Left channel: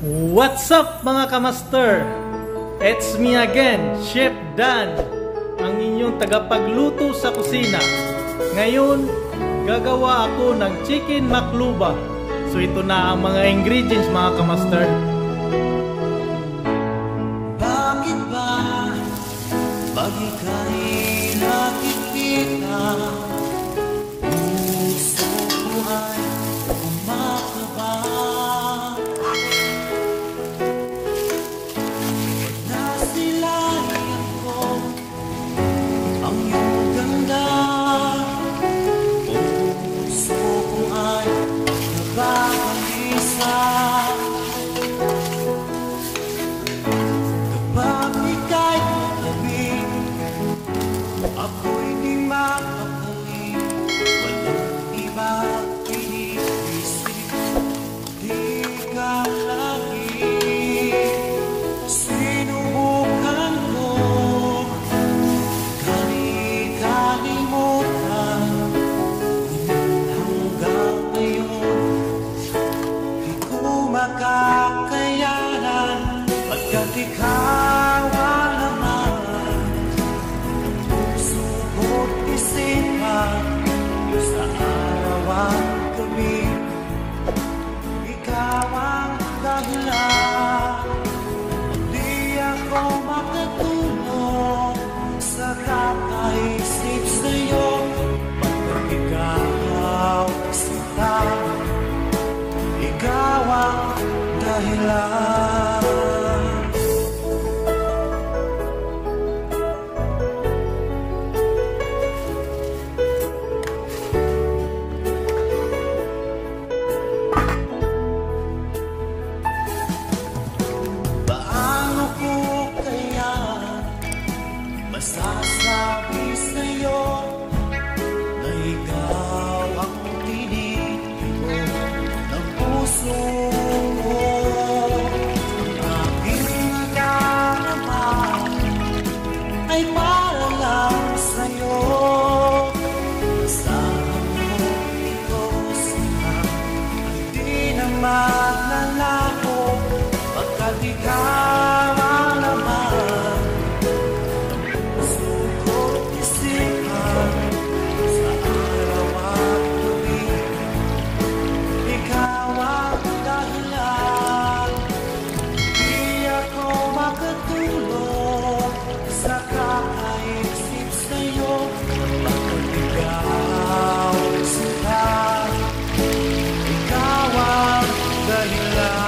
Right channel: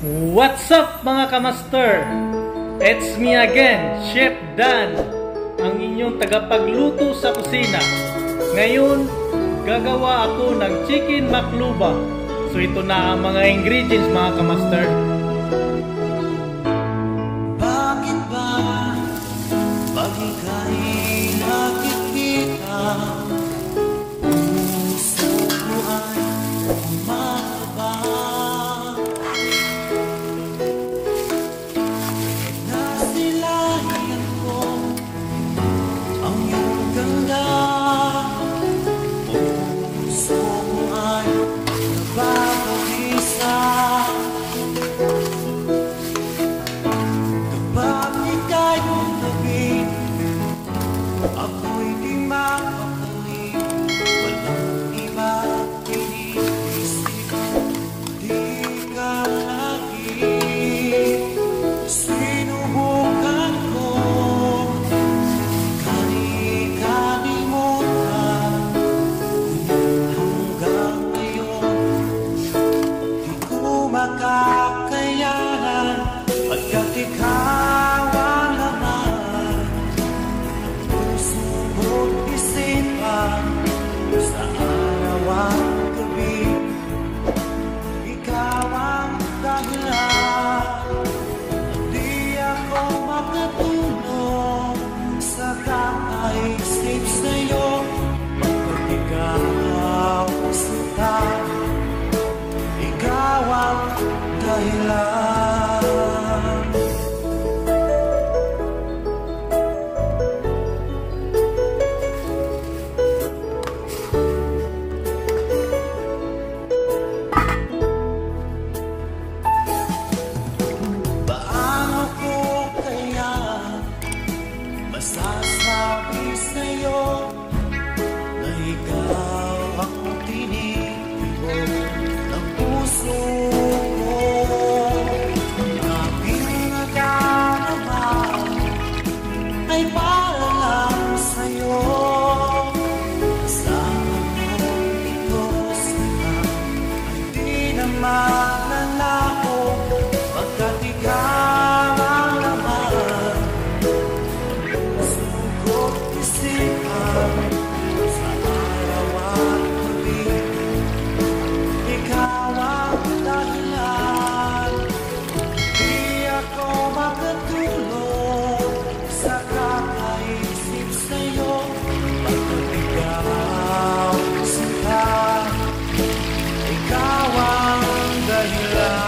What's up mga kamaster? It's me again, Chef Dan, ang inyong tagapagluto sa kusina. Ngayon, gagawa ako ng chicken makluba. So ito na ang mga ingredients mga kamaster. Bakit ba pag ika'y nakikita, puso ko ay kumakaba? Nasilayan ko ang iyong ganda, puso ko ay nababalisa. Kapag ika'y katabi, ako'y di mapapali. Walang iba iniisip, di ka lagi. Sinubukan ko kalimutan, ngunit hanggang ngayon di ko makakayanan. Pagkat ikaw ang laman ng puso ko't isipan, sa araw at gabi, ikaw ang dahilan. Di ako makatulog sa kakaisip sa'yo, pagkat ikaw sinta, ikaw ang dahilan. Masasabi sa'yo na ikaw ang tinitibo ng puso ko. Ang aking nadarama ay para lang sa'yo. Asahan mo ito sana ay di na magnanako, pagkat ikaw ang laman sa araw at gabi, ikaw ang dahilan. Di ako makatulog sa kakaisip sa'yo, pagkat ikaw sinta, ikaw ang dahilan.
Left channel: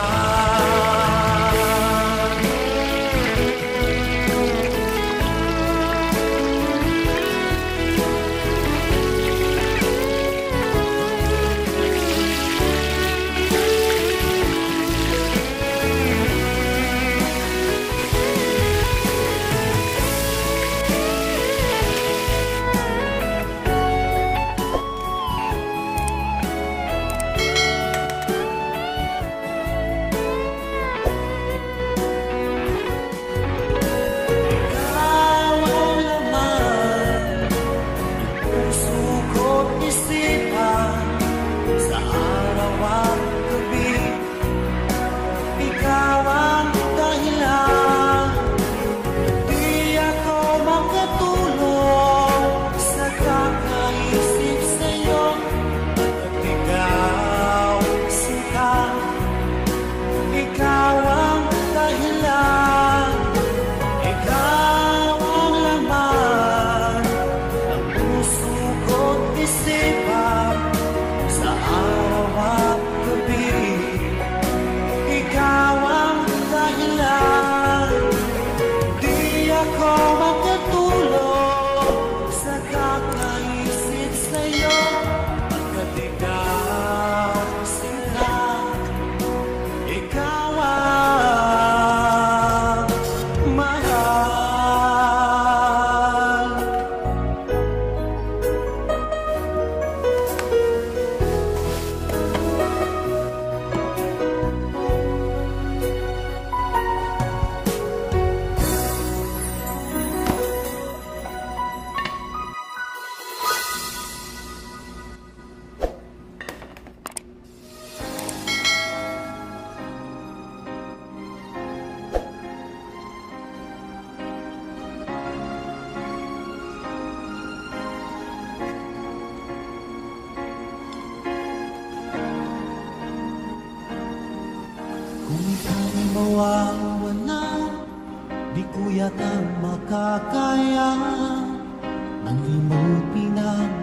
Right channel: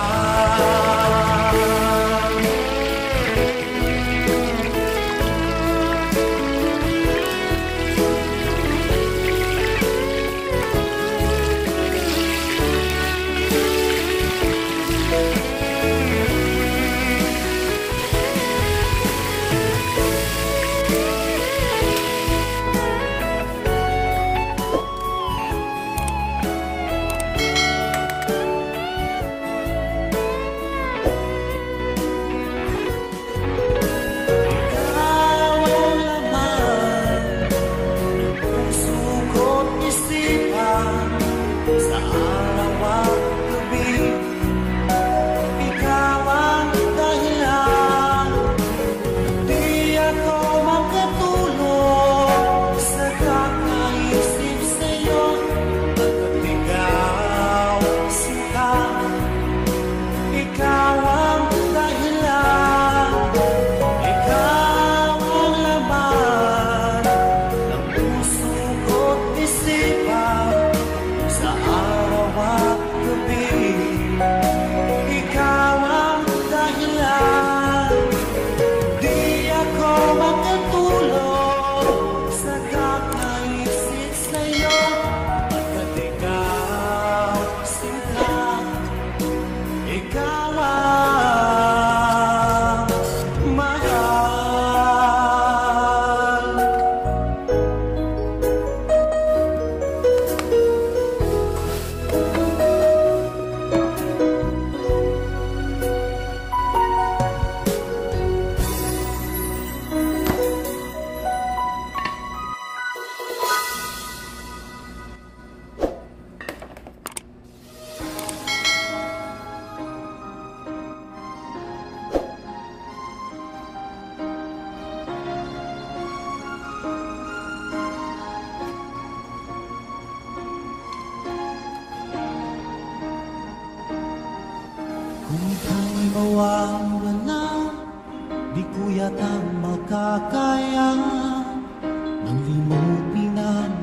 Sa araw at gabi, ikaw ang dahilan. Di ako makatulog sa kakaisip sa'yo, pagkat ikaw sinta, ikaw ang dahilan. Ikaw ang laman ng puso ko't isipan, sa araw at gabi, ikaw ang dahilan. Di ako makatulog sa kakaisip sa'yo, pagkat ikaw sinta, ikaw ang mahal. Kung ika'y mawawala, di ko yata makakaya ang limutin ang